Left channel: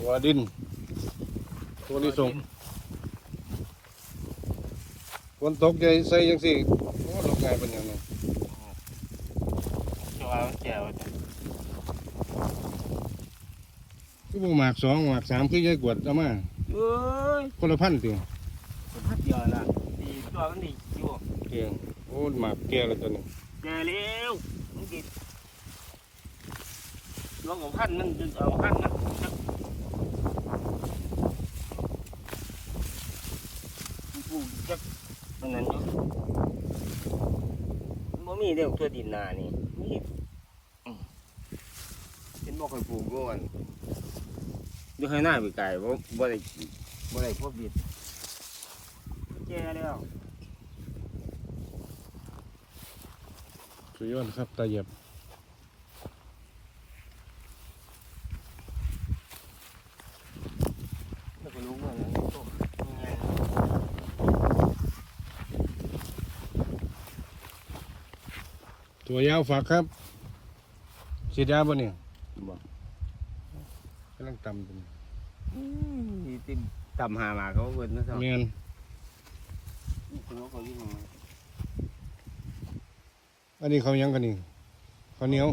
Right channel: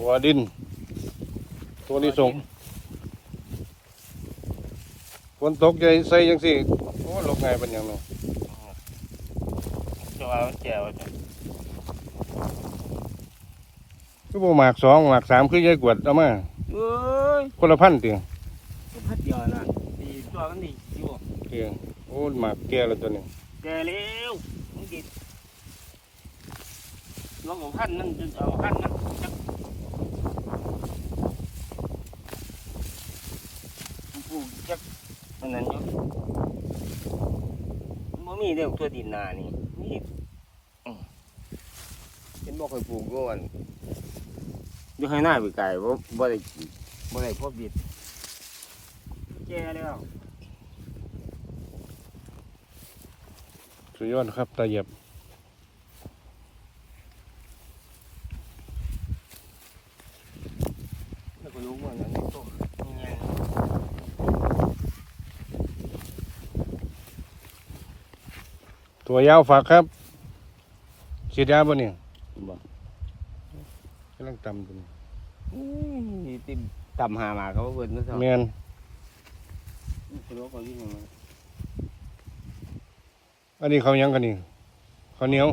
หัวดิน ตัวนี้ส่งฝนตกใจใส่ยังสิโอ้ลกไงเป็นหยังเนาะจะว่ามันแก่ว่าจะก็บ่หมากสองหมากสามคือยายกวดเอามาเอ้ยคนละพันเตียงสุพัดเดียวนะดีตัวมันดีอยู่เตียงโอ้หมากแก่แล้วตัวนี้แก่เร็วมันกินลองเอาพันมันจะเอาพันมันจักมัน ปลูกจักอันนั้นอยู่มันบ่มีเด้อตัวดินนานี่มีอืมเห็นบ่เคยปลูกก่อนอยู่ให้หน้าไปไกลบ่บ่ได้กินบ่ได้พบดิบแก่แล้วสุดยอดครับตาเหยียบ แล้วก็ รู้ว่าอย่างนี้ตัวไงตัวยาวฝากครับฉีดยาบ่เนี่ยบ่กำลังตำตัวนี้นี่ติมต่ำหามาเขาเบิดมาสองแม่นคนรู้เขาวิ่งมาอันนี้เขาวหยังกันนี่ข้าวเหนียว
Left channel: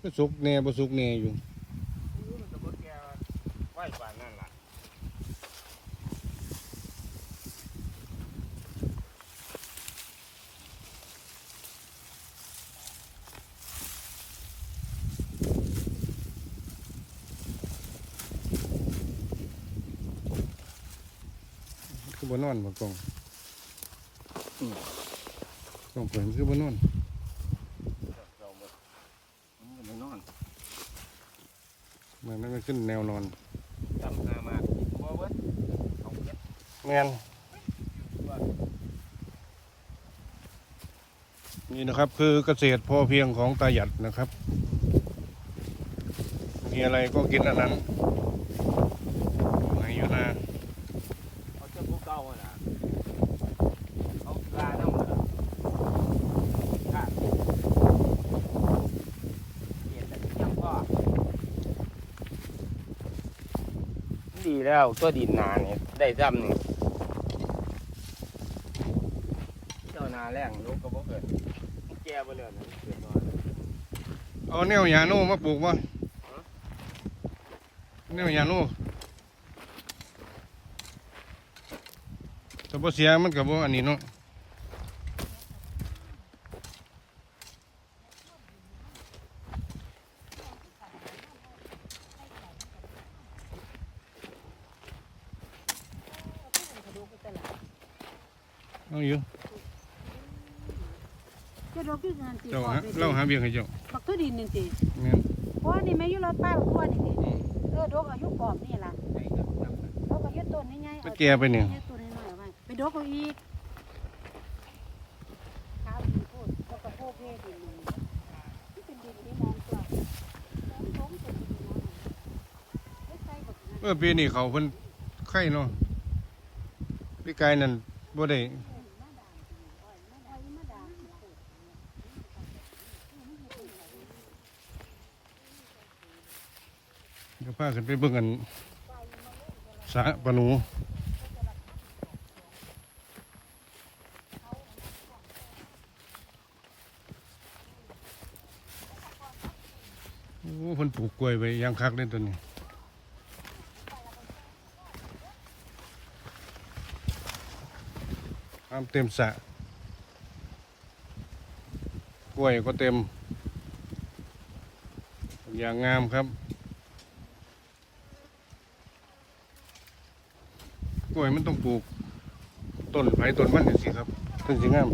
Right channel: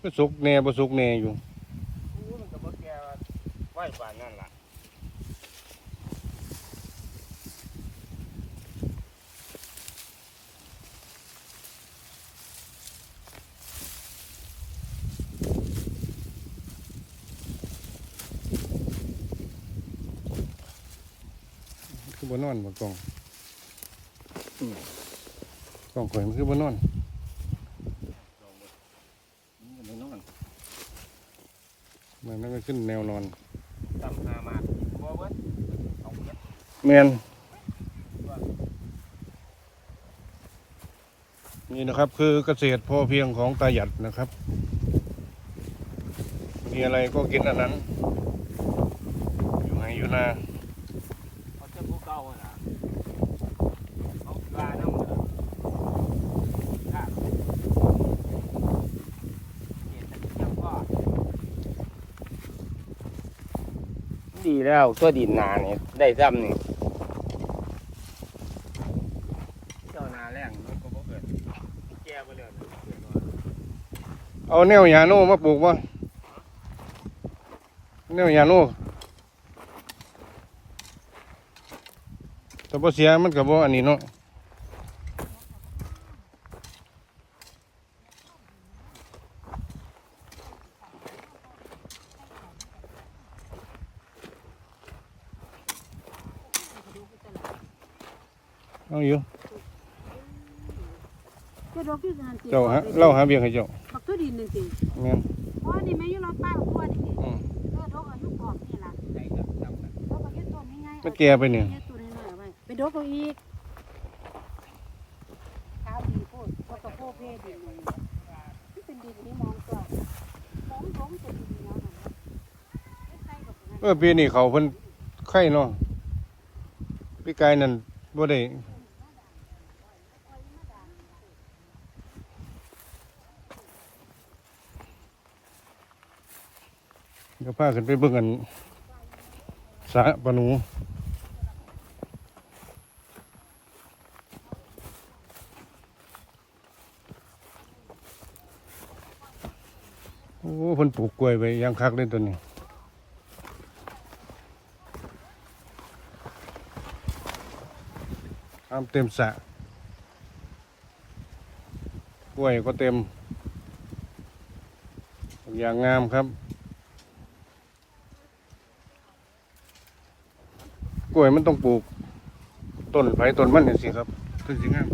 ก็สุกแน่บ่สุกแน่อยู่มันจะบ่แก่ ไหวกว่านั่นล่ะคือบ่นอนบ่กล้องกล้องข่อยมันคือบ่นอนมันจะนอนมันไม่ขึ้นแนวนอน ต่ำหามาบ่เบิดเอาเก็บแมนนี่นะครับคือเกษตรพอเพียงของตาหยัดนะครับ มีอะไรก็กินอันนั้นอยู่ไหนอยู่นา เขาจะพวกเก่าอะนะเขาลาน้ำเหรอข้าเห็นแต่เที่ยงพ่อดี แล้วตัวดินนานี่ได้ซ้ำนี่เจ้านาแรงรถก็บ่เกิดแก่บ่เนี่ยเอาแนวยาโน่มาปลูกวะแนวยาโน่แต่พอเสียมันกับว่าอันนี้เนาะ เอาอยู่เจ้าดอกที่นั่นสิเจ้าฮะเล่าหาเบียงให้เจ้าบักตัวดินนั่นสิแม่นเพราะนี่แม่อยู่เราใต้บักตัวนี่สิเออดอกอายุกรอบนี่ล่ะดอกอายุต้นนี่ไงไปแก่ไปเนี่ยอายุต้นน้อยๆเอาไว้ไปดอกเอาอีกกาวดินพูดเขาก็พูดเพดินนี่มันเป็นดินที่มองตัวของผมเป็นดินเหนียวหมดไม่ใส่บักนั้นเออปีนี้เขาเพิ่นไข่เนาะพี่กายนั่นบ่ได้ เดี๋ยวพากันไปเบิ่งกันสะปนูโอ้เพิ่นปลูกกล้วยไว้อยังคักเลยตัวนี้น้ำเต็มสะกล้วยก็เต็มอย่างงามครับ ล้วยมันต้องปลูก ต้นไผ่ต้นมันนี่สิครับต้นสิงาม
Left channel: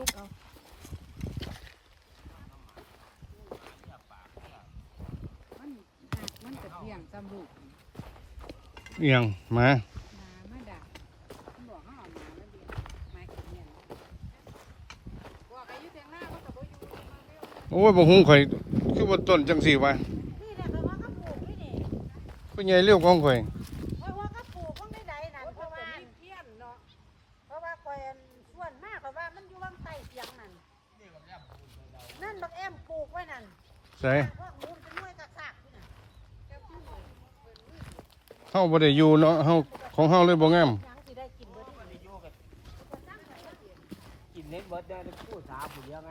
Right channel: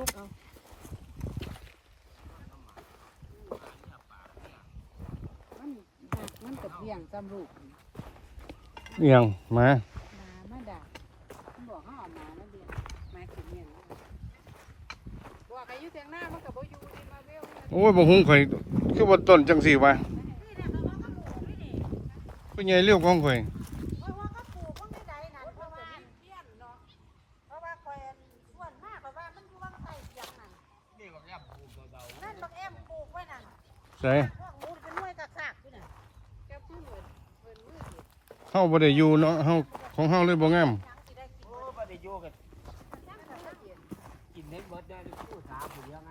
ุกเอามันมันกระเบียงจำลูกเอียงมา หมามาดักมันบอกเขาเอามามาเบียงมาขึ้นเปลี่ยนโอ้ยบ่หุงข่อยคือว่าต้นจังสี่วะผู้ใหญ่เลี้ยวของข่อย เส่เฮาบ่ได้อยู่เนาะเฮาของเฮาเลยบ่งามกิเร์ดได้ผู้าเงใ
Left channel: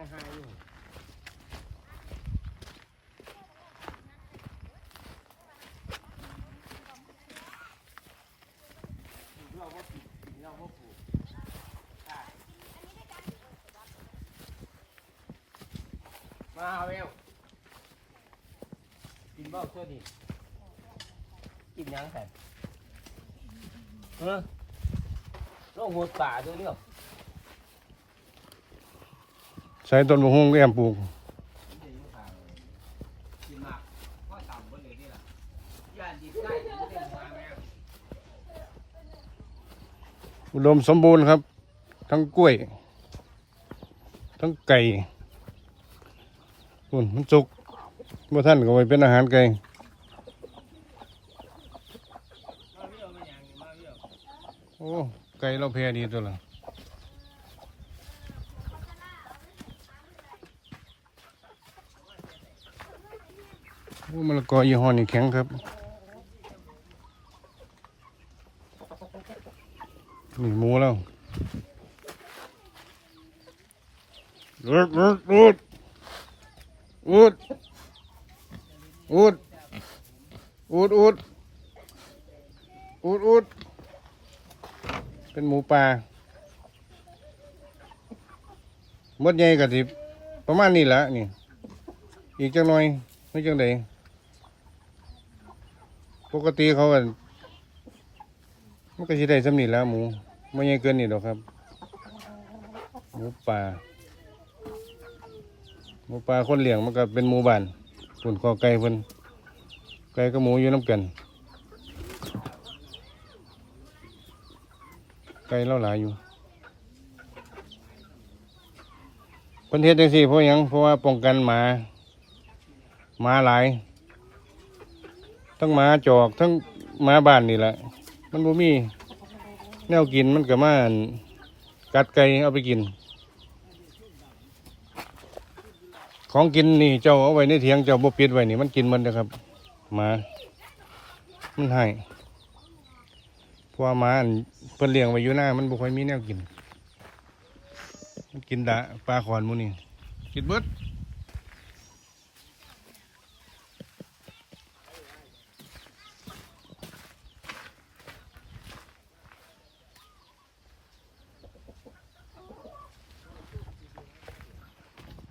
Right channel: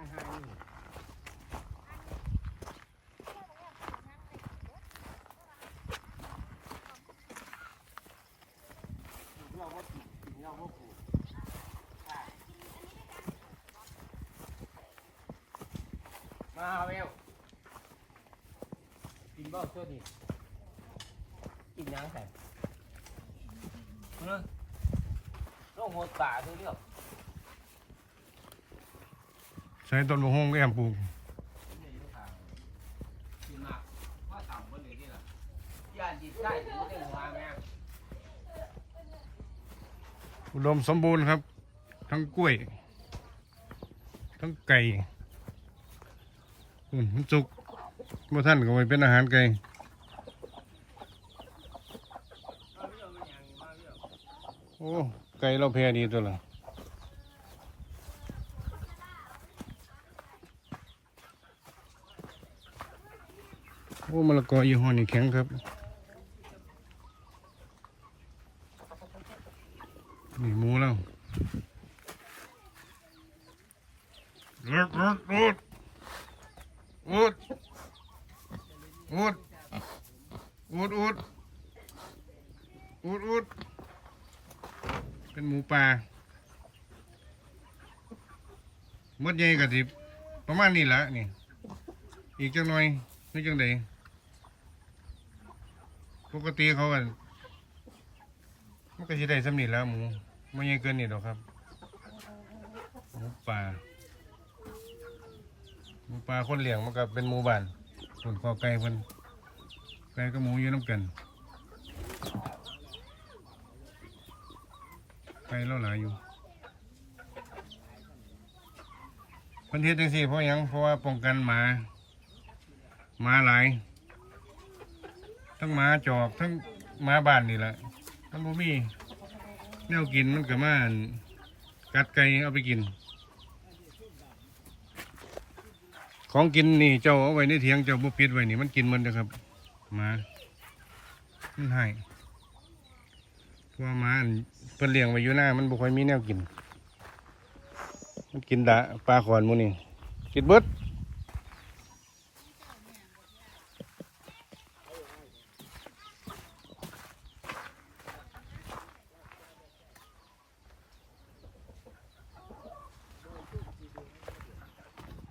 มาเร็ว บ่ปลูกค่ะมาเอาเร็วกินบ่ตัวนี้กินหยังใส่เออลงหัวป่าดูเร็วใส่ต้นบ่หุงแอมปลูกกินมากว่าต่ำบนเลยนี่ล่ะย่านดีใกล้ถึงได้หัวแม่อุดมสมบูรณ์ครับ ทั้งกล้วย ทั้งไก่คุณมันสุก บ่ท่านก็ไว้เป็นอาหารไก่โอ้ไก่เราแพ้ดีตัวละโอ้มะละกอยี่ห้อนี่แข็งครับ นี่หมูแล้วอุดอุดอุดอุด อุดอุดอุดอุดอุดเป็นหมูป่าหมดใหญ่กับทิประมาณนี้แหละนี่ อีกจังหน่อยไม่จังใดปกติเขากันมันก็สิได้สำนีแล้วหมูไม่ใหญ่เกินนี่ดอกครับ หมูป่าหมูป่าคนเลี้ยงมันก็เป็นหมูบ้าน ส่วนกอไก่เพิ่นไก่กับหมูอยู่น้ำกันไก่เล่าหลายอยู่เพิ่นเฮ็ดจังซี่เพราะหยังเพราะว่าป้องกันหมาหมาหลายทั้งหมาจอกทั้งหมาบ้านนี่แหละมันบ่มีแนวกินมันก็มานกัดไก่เอาไปกิน ของกินนี่เจ้าเอาไว้ในเถียงเจ้าบ่ปิดไว้นี่มันกินมันนะครับหมามันให้เพราะว่าหมาอันเพิ่นเลี้ยงไว้อยู่หน้ามันบ่ค่อยมีแนวกิน มันกินดะปลาขอนมูนี่กินเบิด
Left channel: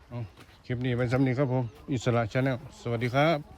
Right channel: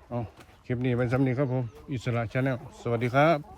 เอา คลิปนี้เป็นสำนีครับผม อิสระชาแนลสวัสดีครับ